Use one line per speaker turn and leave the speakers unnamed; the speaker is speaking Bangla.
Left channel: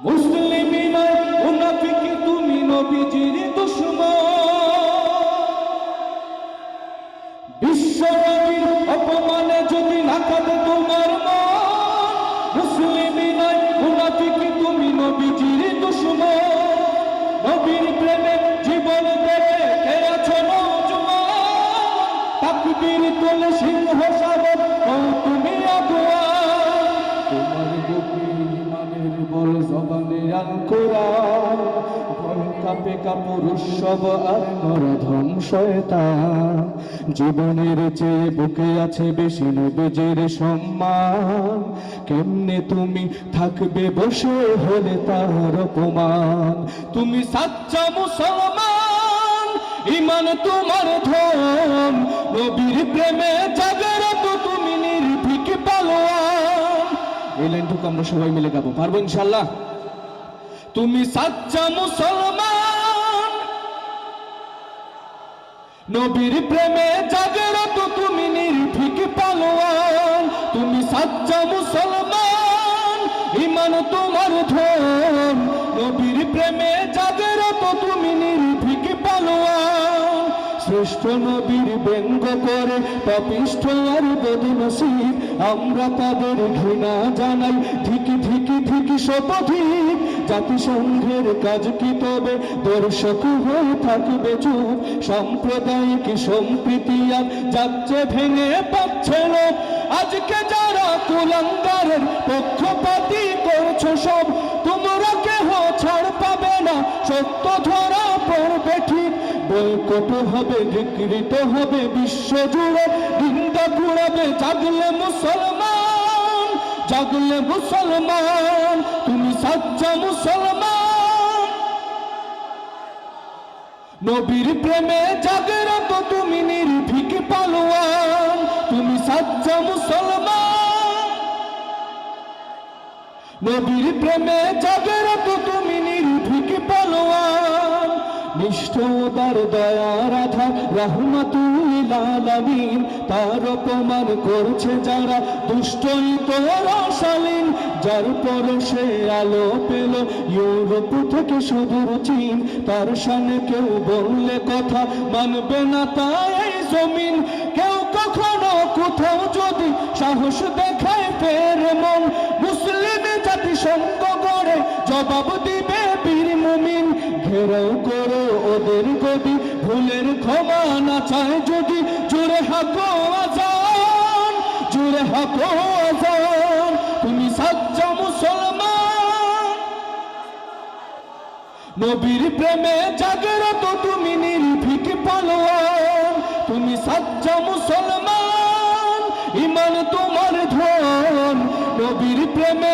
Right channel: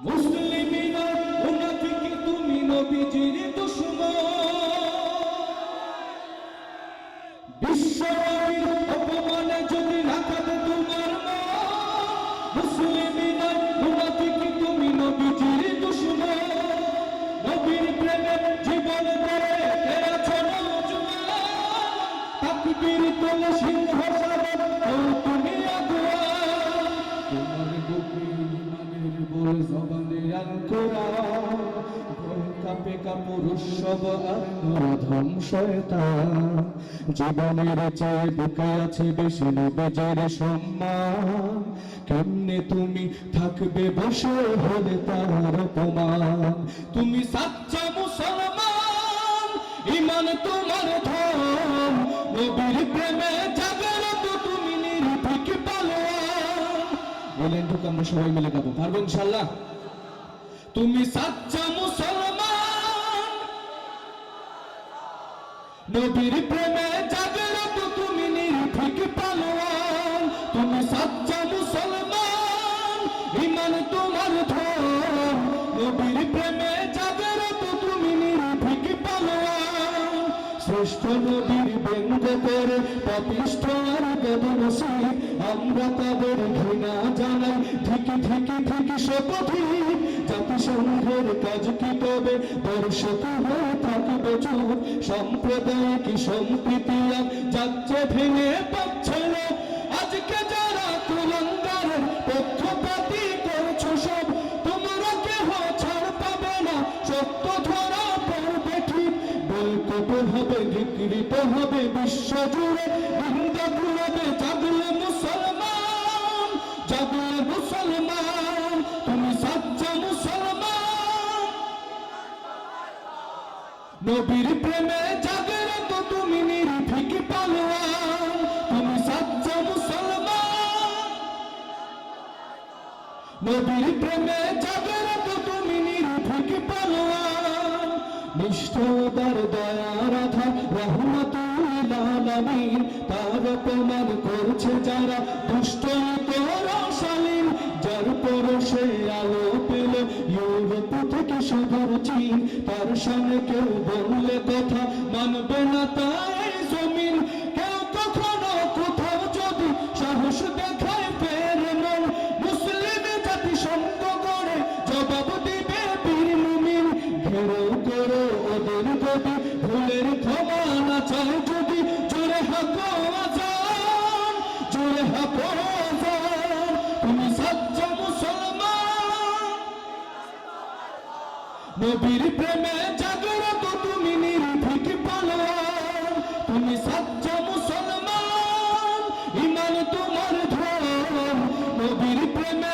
মুসলিমি নয়, মুনাফিকি তুমি নবীজির দুশ্মন। বিশ্ব নবীর অপমানে যদি না কাঁদে তোমার মুসলিমি নয়, মুনাফিকি তুমি নবীজির দুশ্মন। নবীর প্রেমে জীবন দেবে, কে আছো নজওয়ান? তাকবীর তোলে সিংহ সাগর জীবনের চেয়ে বুকে আছে বেশি নবীজের সম্মান। কেমনে তুমি থাকবে বসে হলে তার অপমান? তুমি সাচ্চা মুসলমান, ইমান তোমার ধন। নবীর প্রেমে জাগরত তুমি নির্ভীক পালোয়ান। এই লাইনটুকু আমরা সবাই মিলে গাবো। পারব ইনশাল্লাহ তুমি সাচ্চা মুসলমান। নবীর প্রেমে জাগরত তুমি নির্ভীক পালোয়ান। তুমি সাচ্চা মুসলমান, ইমান তোমার ধন। নবীর প্রেমে জাগরত তুমি নির্ভীক পালোয়ান। শ্রেষ্ঠ নবীর ব্যঙ্গ করে পাপিষ্ঠ আর বদনসিব আমরা তাদের ঘৃণা জানাই, ধিকি ধিকি ধিকি শপথিক জাতিসংঘের কাজ কি তবে? দর্শক হয়ে থাকবে চুপ। সাম্প্রদায়িক সম্প্রীতি আর যাচ্ছে ভেঙে পাচ্ছে লোক আজকে যারা কুলাঙ্গারের পক্ষপাতি করছ সব, তোমরা কেহ ছাড় পাবে না। সত্য ধরা পড়বে ঠিক। বৈকট হবে, বিকৃত হবে, বিশ্ব জুড়ে নিন্দা কুড়াবে। জাগলে মুসলমান জাগলে মুসলমান। সাচ্চা মুসলমান। নবীর প্রেমে জাগরত তুমি নির্ভীক পালোয়ান। তুমি সাচ্চা মুসলমান। নবীর প্রেমে জাগরত তুমি নির্ভীক নিষ্ঠদার দয়ার আধার রহমাতুল্লিল আলামিন। তার অপমান করছে যারা, দুষ্টই তোর শালীন। যার পরশে আলো পেল ইউরোপ থেকে সুদূর চীন। তার সামনে কেউ বললে কথা মানবে না তাই জমিন। কেউ কখনো কোথাও যদি সাহস দেখায় ফের মন। মুসলিম জাতি সঙ্গ করে জবাব মুমিন ঘেরাও করো ওদের গদি, ভুলের ক্ষমা না চায় যদি। জুড়ে হাকো আজান, জুড়ে হাকো আজান, তুমি সাজ্জা মুসলমান। নবীর প্রেমে তুমি নির্ভীক পালোয়ান, তুমি মুসলমান, ইমান তোমার ধন নবীর প্রেমে